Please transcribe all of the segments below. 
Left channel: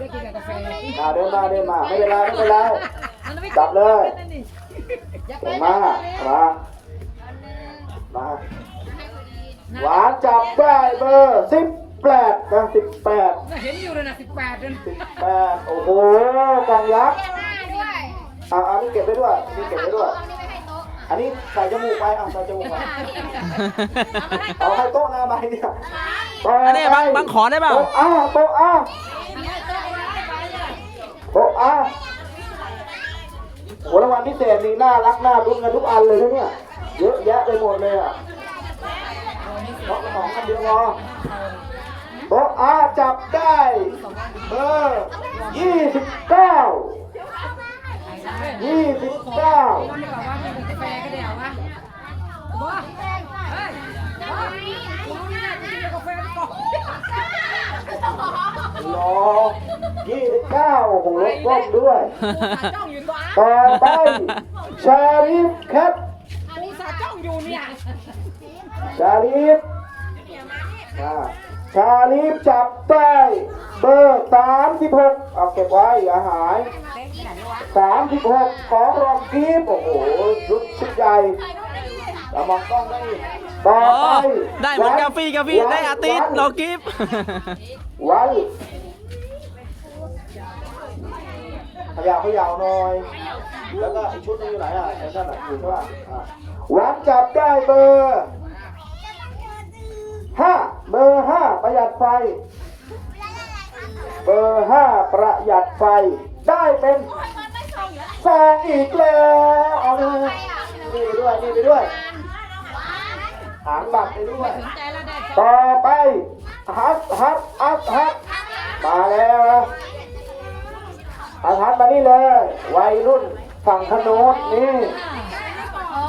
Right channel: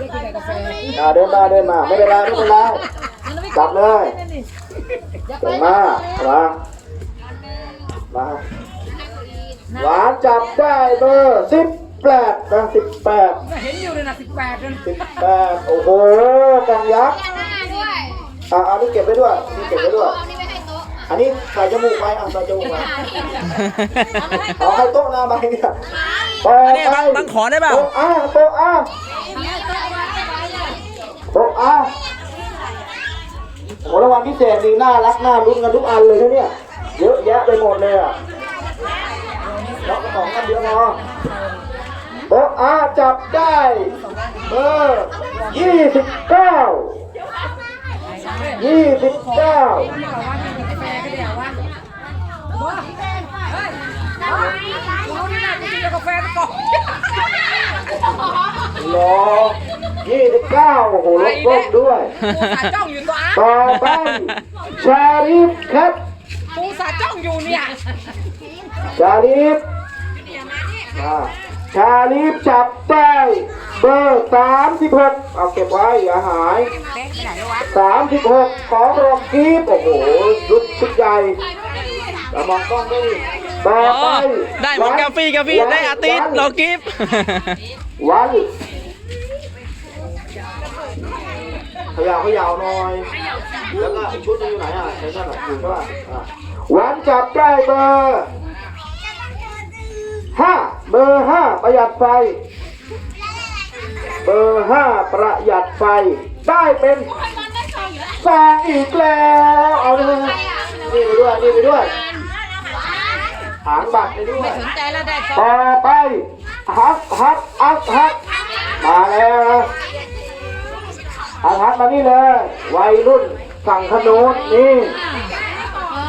ได้กินกับกาแฟอ่าเดินมาเดินมาไม่เป็นไรไม่เป็นไรจับเลยเดินมามามาหวานจับได้เบอร์สิบแปดนะสิบแปดเห็นอยู่เลยนะสิบแปดนั่นสิบแปดโอ้โหกล่องยักษ์หน้าด้วยอ่าอันนี้เก็บไว้ด้วยอันนี้เก็บไว้ด้วยเอานี่ไปให้โต๊ะอันนี้ใส่จมูกไปอะใส่จมูกไปเอาให้โต๊ะหน้าไปเนี่ยต่ออันนี้ไปบังบังขอได้เปล่าโต๊ะอะโต๊ะอะ โต๊ะอะโหรางวัลพิเศษนี่น่ารักน่าลุ้นกันทุกอันเลยนะเนี่ย เยอะแยะไปหมดเลยอะล็อกกระป๋องกันเดียวพอโต๊ะอะจับได้เบอร์ยี่สิบเก้ายี่สิบเก้ามันบอกว่ากินกับกาแฟก็เดี๋ยวว่าบ้าเฮ้ยบ้าเรานี่นะกินกับกาแฟก่อนรอ ยี่สิบเก้าโอ้โหลดลงด้วยปูสาจ้องอยู่ตัวอ้าต่อไป ชาลิฟครับปูสาจ้องอยู่เนี่ยชาลิฟอ่าชาลิฟจับได้เบอร์สามสิบหกเอาเก็บไว้อย่าหายสามสิบหกของรองกีบโอ้โหรุดชุดใหญ่แล้วมองกล้องได้ต่ออ๋อ ไปได้เหมือนกาแฟกาแฟได้อาทิตย์เรากิฟต์วัน ขยาวขยาวหน่อย แล้วก็อีกชุดนึงอยู่ไหนอะไอ้นั่นอะอยู่ข้างล่างอะวันจับได้เบอร์ห้าเบอร์ห้าประหยัดไฟ เบอร์ห้าประหยัดไฟ ได้เป็นซองอีกแล้ว เอาเลยนี่ไปด้วยนี่ไปด้วยหางบัตรไปด้วย ต่อไปฮักฮักฮักฮักมาแล้ว นะฮักฮักมานี่เลย วัยรุ่นฝั่งขนุนนี่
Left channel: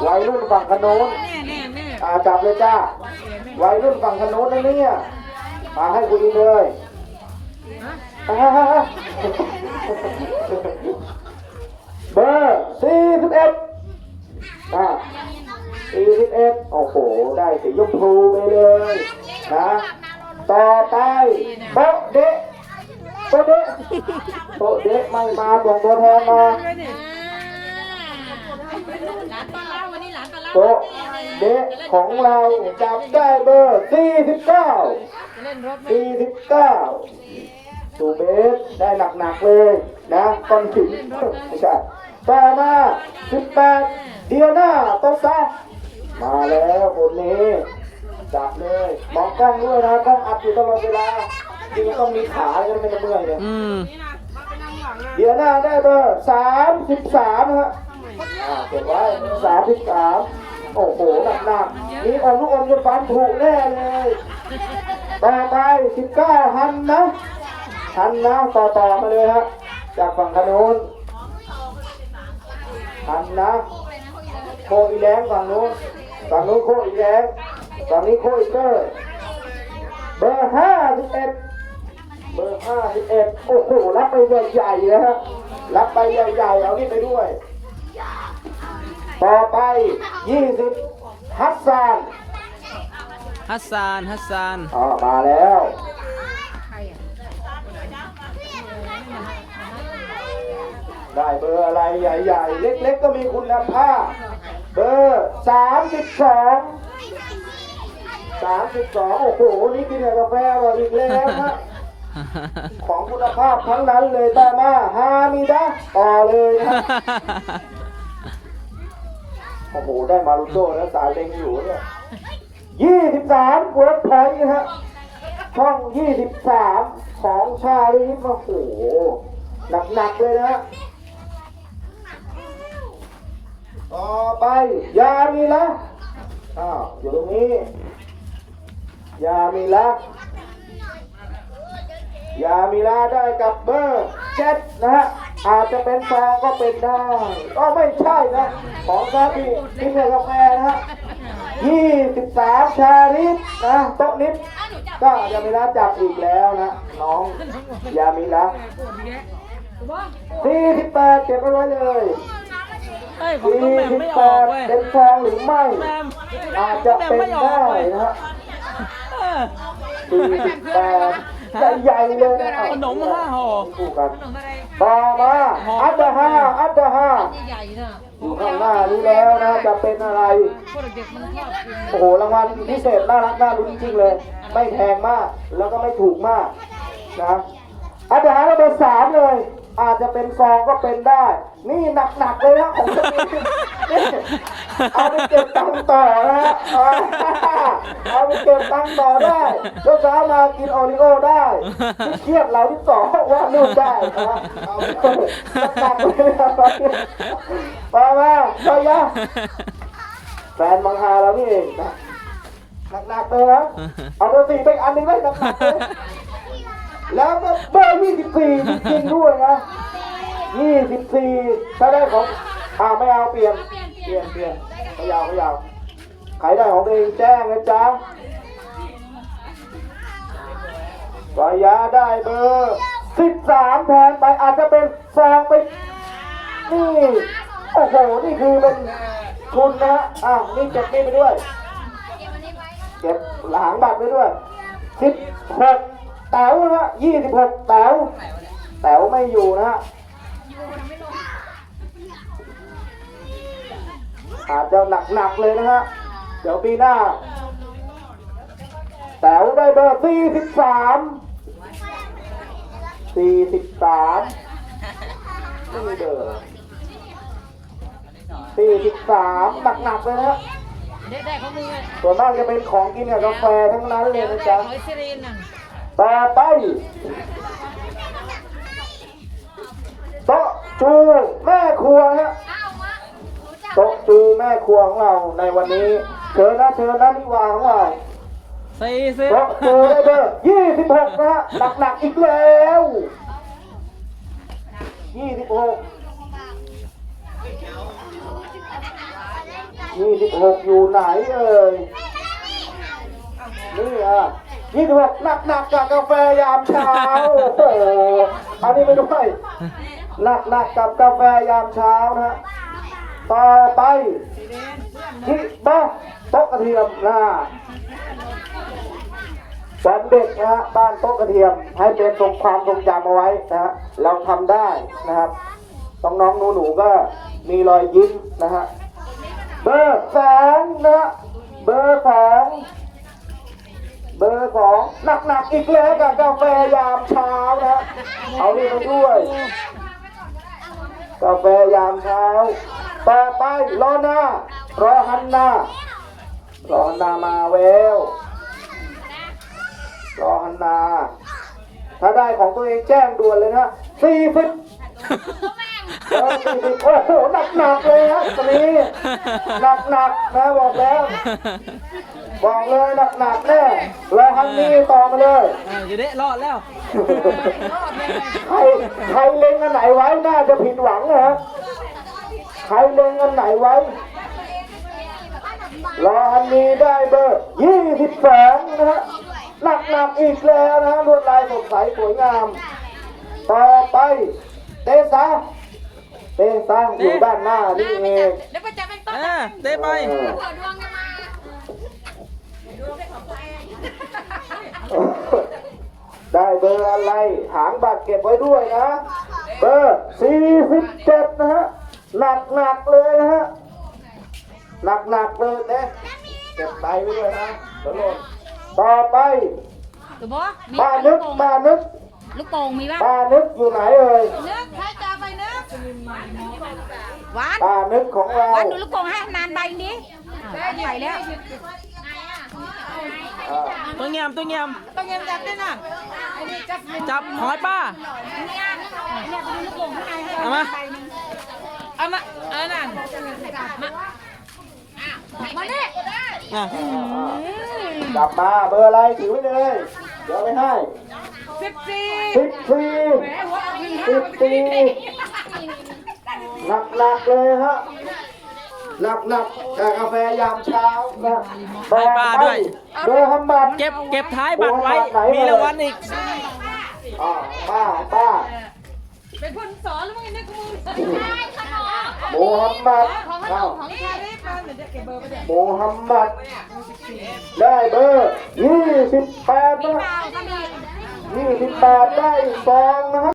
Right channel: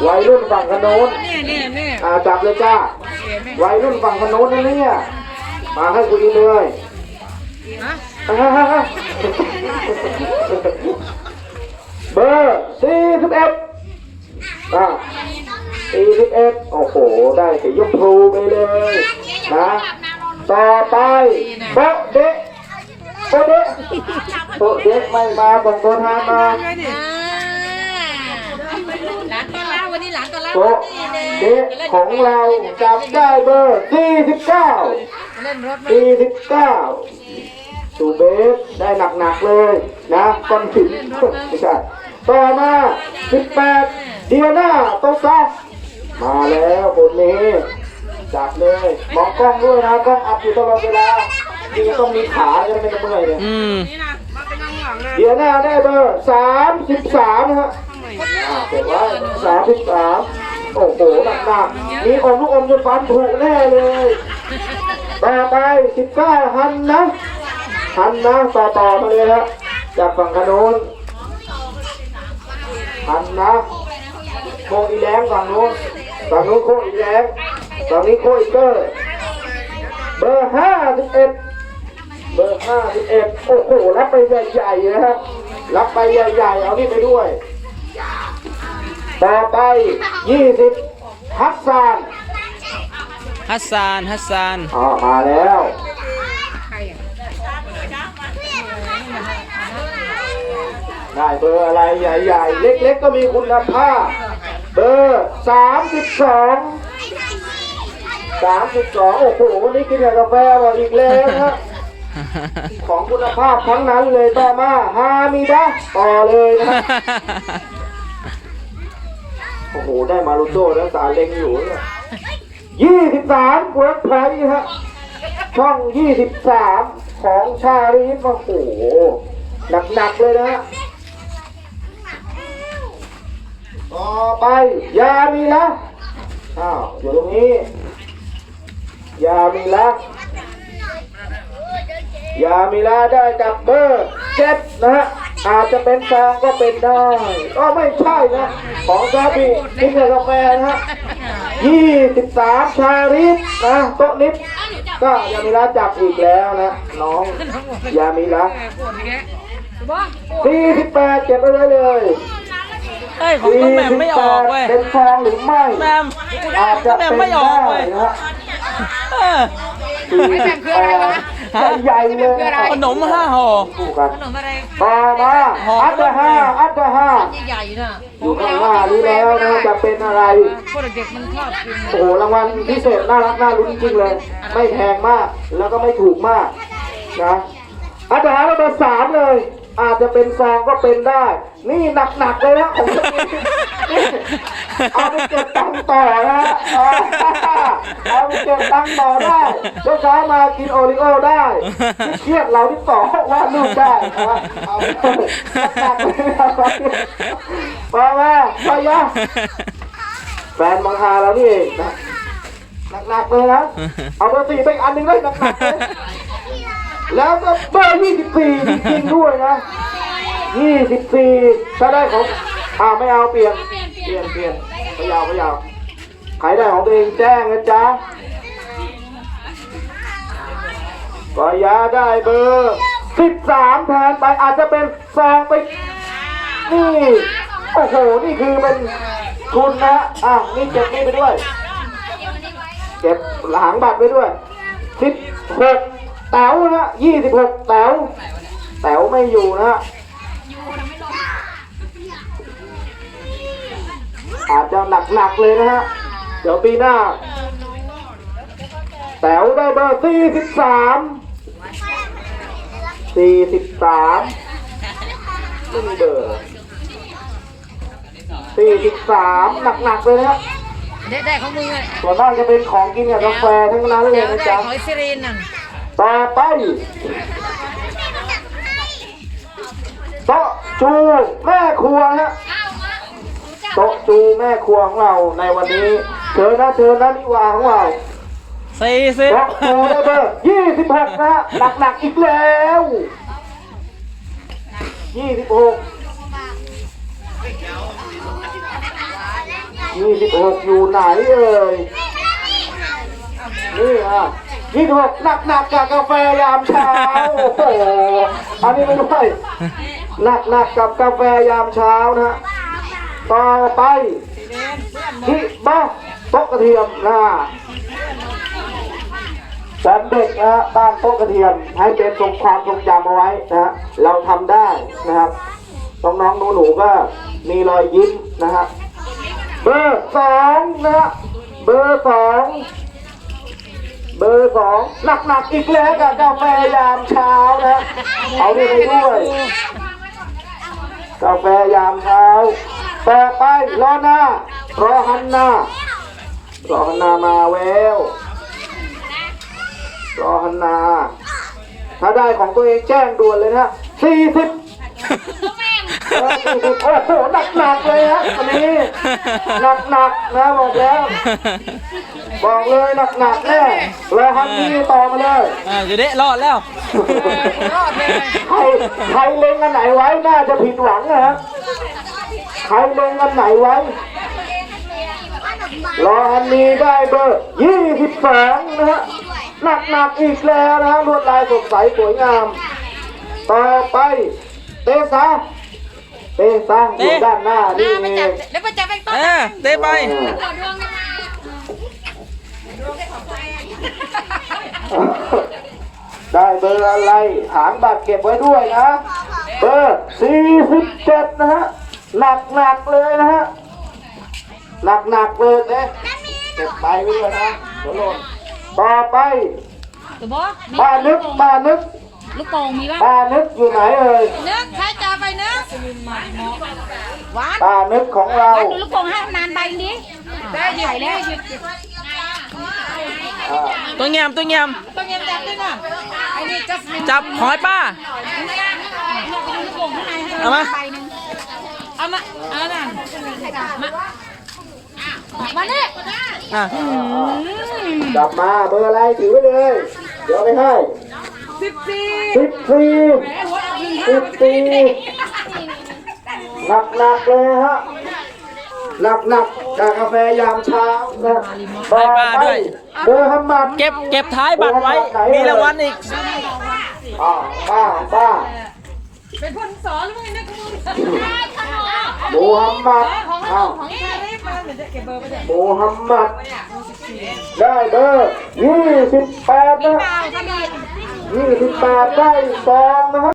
วัยรุ่นฝั่งขนุนเนี่ยเนี่ยเนี่ยอ่าจับเลยจ้า วัยรุ่นฝั่งขนุนนั่นเนี่ย มาให้กูดีเลยฮะอ่าฮะฮะฮะเบอร์สี่สิบเอ็ดอ่าสี่สิบเอ็ดโอ้โห ได้สียมพูเลยเลยนะต่อไปโป๊ะเดะ โป๊ะเดะโป๊ะเดะไม่มาส่งตัวแทนมาเลยดิหลานต้อนรับวันนี้หลานต้อนรับโป๊ะเดะของเราจับได้เบอร์49เล่นรถไหม49สูเบสได้หนักๆเลยนะก้อนหินไม่ใช่ต่อมา18เดียนาโตซามาแล้วคนนี้จับเลยมองกล้องด้วยนะกล้องอัพอยู่ตลอดเวลา จริงๆต้องมีขาจะไม่เมื่อยเลยอืมนี่นะมาเป็นนั่งหลังเลยเดียนาได้เบอร์สามสิบสามฮะอ่าเก็บไว้สามสิบสามโอ้โหหนักหนักๆมีอมลูกอมจนฟันผุแน่เลยต่อไปสิบเก้าฮันนะฮันนะต่อต่อมาเลยฮะจากฝั่งขนุนฮันนะโคอีแรงฝั่งนู้นฝั่งนู้นโคอีแรงฝั่งนี้โคอีเกอร์ ห้าสิบเอ็ดโอ้โหรับไปใหญ่ๆนะครับรับไปใหญ่ๆเอานี่ไปด้วย ต่อไปยี่สิบฮัสซานฮัสซานฮัสซานอ๋อมาแล้วใครอะได้เบอร์อะไรใหญ่ๆ เล็กๆ ก็มีคุณภาพ เบอร์สามสิบสองสามสิบสองโอ้โห นี่กินกับกาแฟมาอีกแล้วนะ ของคุณภาพทั้งนั้นเลยต่อมาฮามิดะต่อเลยนะ โอ้โห ได้มารุโต้แล้วสายเล็งอยู่เนี่ยยี่สิบสามเวิร์กพอยต์ฮะ ช่องยี่สิบสามของชาลีฟโอ้โห หนักๆเลยนะฮะต่อไป ยามีละอ้าวอยู่ตรงนี้ ยามีละ ยามีลาได้กับเบอร์เจ็ดนะฮะ อาจจะเป็นซองก็เป็นได้ ก็ไม่ใช่นะ ของซาบิกินกับกาแฟนะฮะยี่สิบสามชาลิฟนะโต๊ะลิฟก็ยามีลาจับอีกแล้วนะ น้องยามีลาแม่ปวดอีกแล้วบ้าสี่สิบแปดเก็บไปไว้เลยเฮ้ยของต้องแหม่มไม่ออกเว้ยเป็นซองหรือไม่แหมมอาจจะแหม่มเป็นไม่ออกได้เว้ยนะฮะเออสี่สิบแปด ใหญ่ๆเลยนะขนมห้าห่อ คู่กันขนมอะไรต่อมาอัตห้าอัตห้าใหญ่ๆน่ะอยู่ข้างหน้านี้แล้วนะจะเป็นอะไร พวกเด็กๆมันชอบกินโอ้โหรางวัลพิเศษน่ารักน่าลุ้นจริงๆเลย ไม่แพงมากแล้วก็ไม่ถูกมากนะอาจารย์เบอร์สามเลย อาจจะเป็นซองก็เป็นได้ นี่หนักๆเลยนะของตัวนี้นี่เอาไปเก็บตังค์ต่อนะเอาเอาไปเก็บตังค์ต่อได้เช้าเช้ามากินโอริโอได้ที่เครียดเราที่ต่อว่าลูกได้นะเอาไปหนักๆเลยนะครับมาแม่ไปยะแฟนมังฮาเรานี่เองนะหนักๆเลยนะเอาเบอร์สี่ไปอีกอันหนึ่งเลยหนักๆเลย แล้วก็เบอร์ยี่สิบสี่จริงๆด้วยนะยี่สิบสี่ถ้าได้ของอ่าไม่เอาเปลี่ยน เปลี่ยนเปลี่ยนไม่ยาวไม่ยาวใครได้ของตัวเองแจ้งนะจ๊ะกอยาได้เบอร์สิบสามแทนไปอาจจะเป็นแซงไปนี่โอ้โหนี่คือเป็นทุนนะอะนี่เก็บนี่ไปด้วย เก็บหลังบัตรไปด้วยสิบหก แต๋วนะยี่สิบหกแต๋วแต๋วไม่อยู่นะฮะอาจจะหนักๆเลยนะฮะ เดี๋ยวปีหน้า แต๋วได้เบอร์สี่สิบสามสี่สิบสามไม่มีเบอร์สี่สิบสามหนักๆเลยนะฮะได้ได้ของมึงเลยส่วนมากจะเป็นของกินกับกาแฟทั้งนั้นเลยได้นะได้จ๊ะหอยซีรีนน่ะ ต่อไปโต๊ะจูแม่ครัวนะฮะโต๊ะจูแม่ครัวของเราในวันนี้เชิญนะเชิญนะนิวาของเราสี่สิบโต๊ะจูได้เบอร์ยี่สิบหกนะฮะหนักๆอีกแล้วยี่สิบหกยี่สิบหกอยู่ไหนเอ่ยนี่อะ ยี่สิบหกหนักๆกับกาแฟยามเช้าโอ้โหอันนี้ไม่ด้วยหนักๆกับกาแฟยามเช้านะฮะต่อไปที่โต๊ะโต๊ะกระเทียมนะแฟนเด็กนะฮะบ้านโต๊ะกระเทียม ให้เป็นทรงความทรงจำเอาไว้นะฮะเราทำได้นะครับน้องๆหนูๆก็มีรอยยิ้มนะฮะเบอร์สองนะเบอร์สอง บอร์สองหนักๆอีกแล้วกับกาแฟยามเช้านะเอานี่ไปด้วย กาแฟยามเช้า ต่อไปรอหน้ารอฮันนารอฮันนามาแววรอฮันนา ถ้าได้ของตัวเองแจ้งด่วนเลยนะสี่สิบ โอ้โหหนักๆเลยฮะตอนนี้หนักๆนะบอกแล้ว บอกเลยหนักๆแน่รอฮันนี่ต่อมาเลยอ่าอยู่เด้รอดแล้ว ใครใครเล็งอันไหนไว้น่าจะผิดหวังนะฮะใครเล็งอันไหนไว้ รออันนี้ได้เบอร์ยี่สิบสองนะฮะหนักหนักๆอีกแล้วนะฮะลวดลายสดใสสวยงาม ต่อไปเตซา เตซาอยู่ด้านหน้านี่เองแล้วไปจับไปต้นเออเต้ไปได้เบอร์อะไรหางบัตรเก็บไว้ด้วยนะ เบอร์สี่สิบเจ็ดนะฮะ หนักหนักๆเลยนะฮะ หนักหนักๆเลยนะเก็บไปไว้ด้วยนะเดี๋ยวหล่นต่อไปตัวบอมีป้านึกป้านึก ลูกโป่งมีป่ะป้านึกอยู่ไหนเอ่ยนึกใครจะไปนึก หวานป้านึกของเรา หวานดูลูกโป่งให้นานใบนี้ได้ใหญ่แล้วอ่าตัวเงียมตัวเงียมต้องเงียบจับด้วยนะไอ้นี่จับจับหอยป้าเอามาเอามาเออน่ะมาเนี่ยอะจับมาเบอร์อะไรถือไว้เลย เดี๋ยวเอาไปให้สิบสี่สิบสี่สิบสี่ หนักหนักๆเลยฮะหนักหนักๆกับกาแฟยามเช้านะต่อไปเบอร์ฮัมมัดเก็บเก็บท้ายบัตรไว้ มีรางวัลอีกอ่าป้าป้าเป็นคนสอนหรือไงนะคุณโมฮัมหมัดของขนอ้าวมของชาลีมาเดี๋ยวจะเก็บเบอร์ไปเดี๋ยวโมฮัมหมัดได้เบอร์ยี่สิบแปดนะเอาถ้ามียี่สิบแปดได้อีกซองนะครับ